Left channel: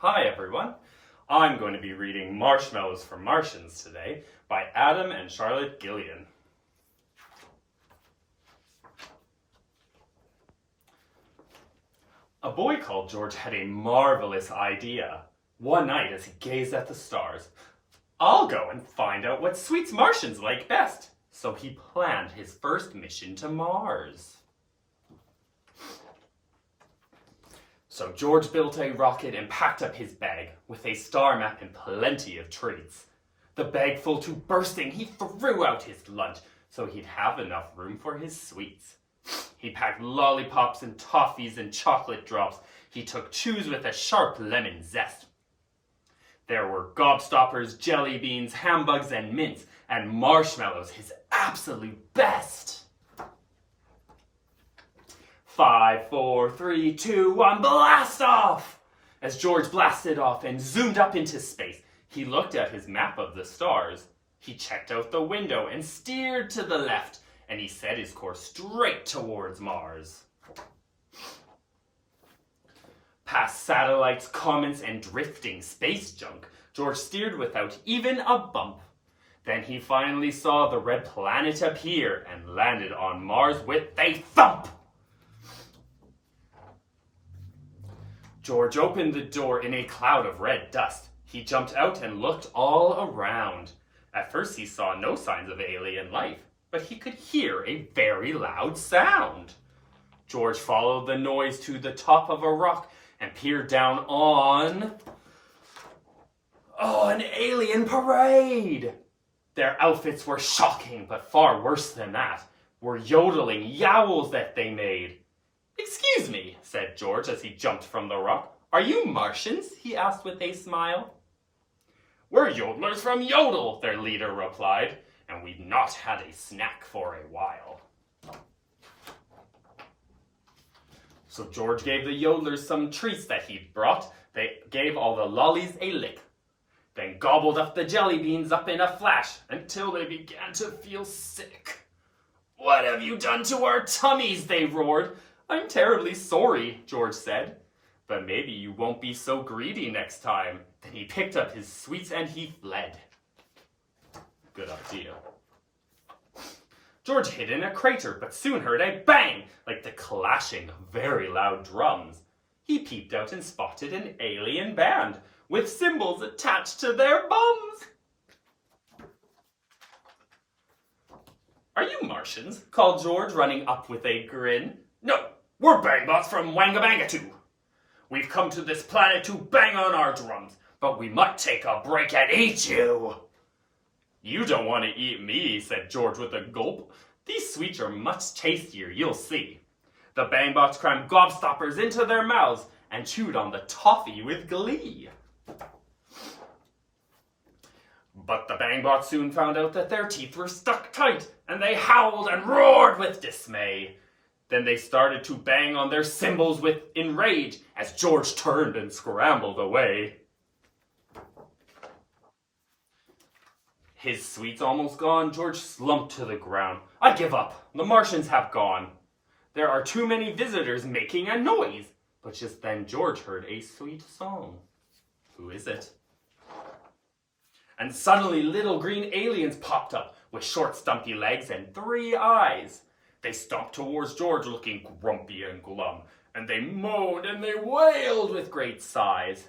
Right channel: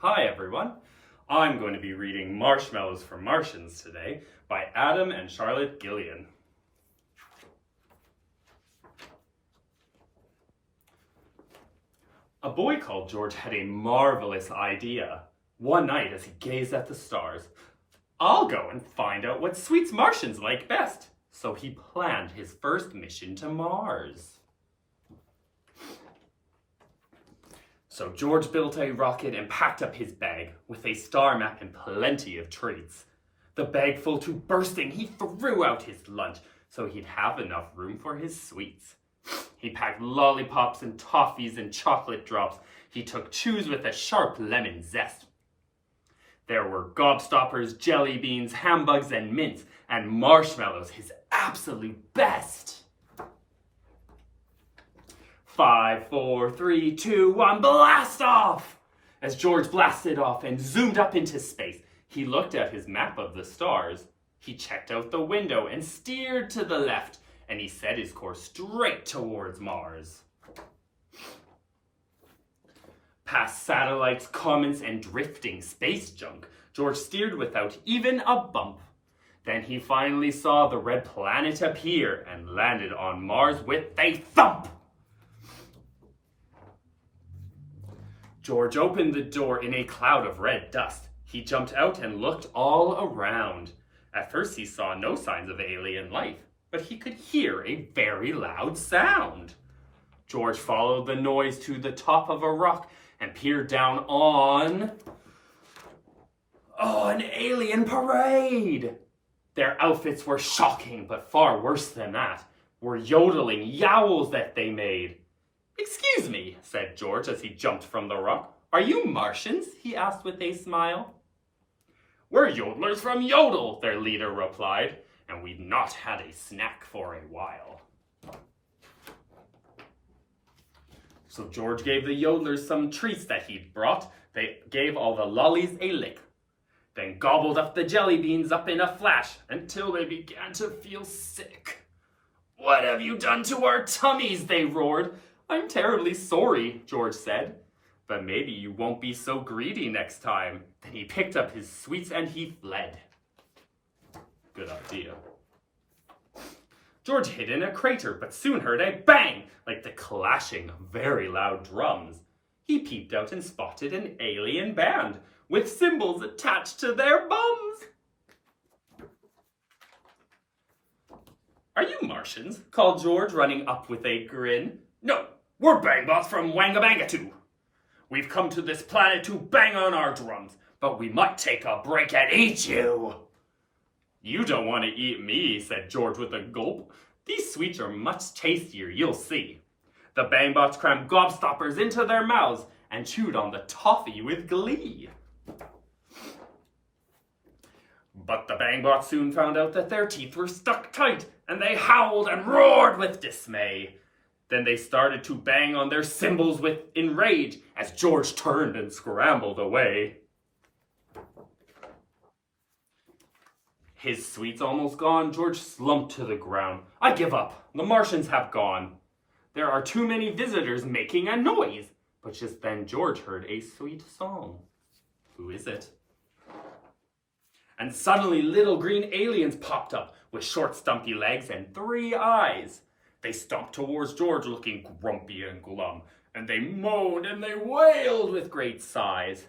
Hi everyone, I'm going to be reading Marshmallows for Martians today by Adam and Charlotte Gillian. A boy called George had a marvelous idea. One night as he gazed at the stars, I'll go and find out what sweets Martians like best. So he planned his first mission to Mars. So George built a rocket and packed up his bag with a star map and plenty of treats. The bag full to bursting, he threw out his lunch so he'd have enough room for his sweets. He packed lollipops and toffees and chocolate drops. He took chews with a sharp lemon zest. There were gobstoppers, jelly beans, hambugs, and mints, and marshmallows, his absolute best. 5, 4, 3, 2, 1, blast off! As George blasted off and zoomed up into space, he looked at his map of the stars. He checked out the window and steered to the left, and he set his course straight towards Mars. Past satellites, comets, and drifting space junk, George steered without even a bump. Then he finally saw the red planet appear and landed on Mars with a thump. George opened the door in a cloud of red dust. He jumped out and looked all around. At first he saw no signs of alien life, but he could hear a very loud sound. George followed the noise to the top of a rock and peered down on an alien parade. Their outfits were shocking, but far worse than that were yodeling yowls that they made. "Excuse me," said George as he jumped from the rock. "Are you Martians?" he asked with a smile. "We're yodelers from Yodel," their leader replied, "and we've not had a snack for a while." So George gave the yodelers some treats that he'd brought. They gave all the lollies a lick, then gobbled up the jelly beans up in a flash until they began to feel sick. "What have you done to our tummies?" they roared. "I'm terribly sorry," George said, "but maybe you won't be so greedy next time." Then he picked up his sweets and he fled. Good idea. George hid in a crater, but soon heard a bang, like the clashing of very loud drums. He peeped out and spotted an alien band, with cymbals attached to their bums. "Are you Martians?" called George, running up with a grin. "No, we're Bangbots from Wangabangatu. We've come to this planet to bang on our drums, but we might take a break and eat you." "You don't want to eat me," said George with a gulp. "These sweets are much tastier, you'll see." The Bangbots crammed gobstoppers into their mouths and chewed on the toffee with glee. But the Bangbots soon found out that their teeth were stuck tight, and they howled and roared with dismay. Then they started to bang on their cymbals in rage as George turned and scrambled away. His sweets almost gone, George slumped to the ground. "I give up. The Martians have gone. There are too many visitors making a noise." But just then George heard a sweet song. Who is it? And suddenly little green aliens popped up with short stumpy legs and 3 eyes. They stomped towards George looking grumpy and glum, and they moaned and they wailed with great sighs.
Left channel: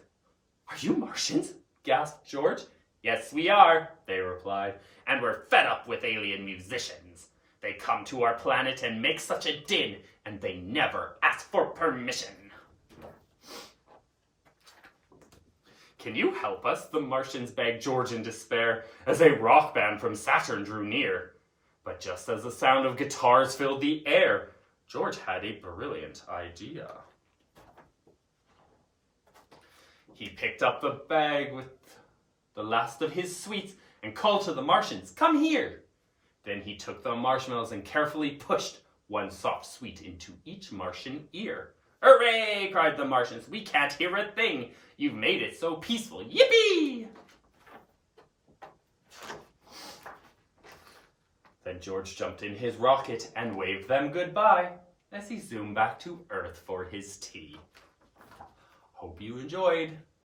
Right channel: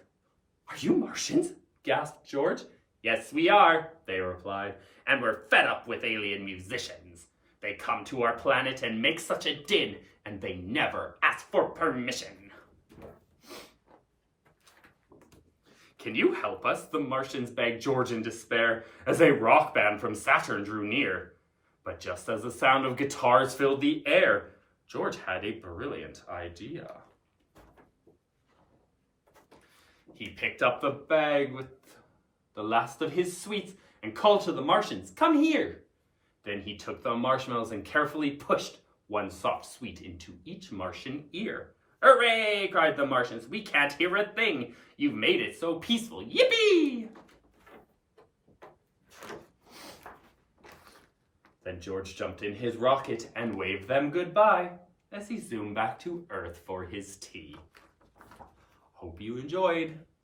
"Are you Martians?" gasped George. "Yes, we are," they replied, "and we're fed up with alien musicians. They come to our planet and make such a din, and they never ask for permission." "Can you help us?" the Martians begged George in despair as a rock band from Saturn drew near. But just as the sound of guitars filled the air, George had a brilliant idea. He picked up the bag with the last of his sweets and called to the Martians, "Come here." Then he took the marshmallows and carefully pushed one soft sweet into each Martian ear. "Hooray!" cried the Martians. "We can't hear a thing. You've made it so peaceful. Yippee!" Then George jumped in his rocket and waved them goodbye as he zoomed back to Earth for his tea. Hope you enjoyed.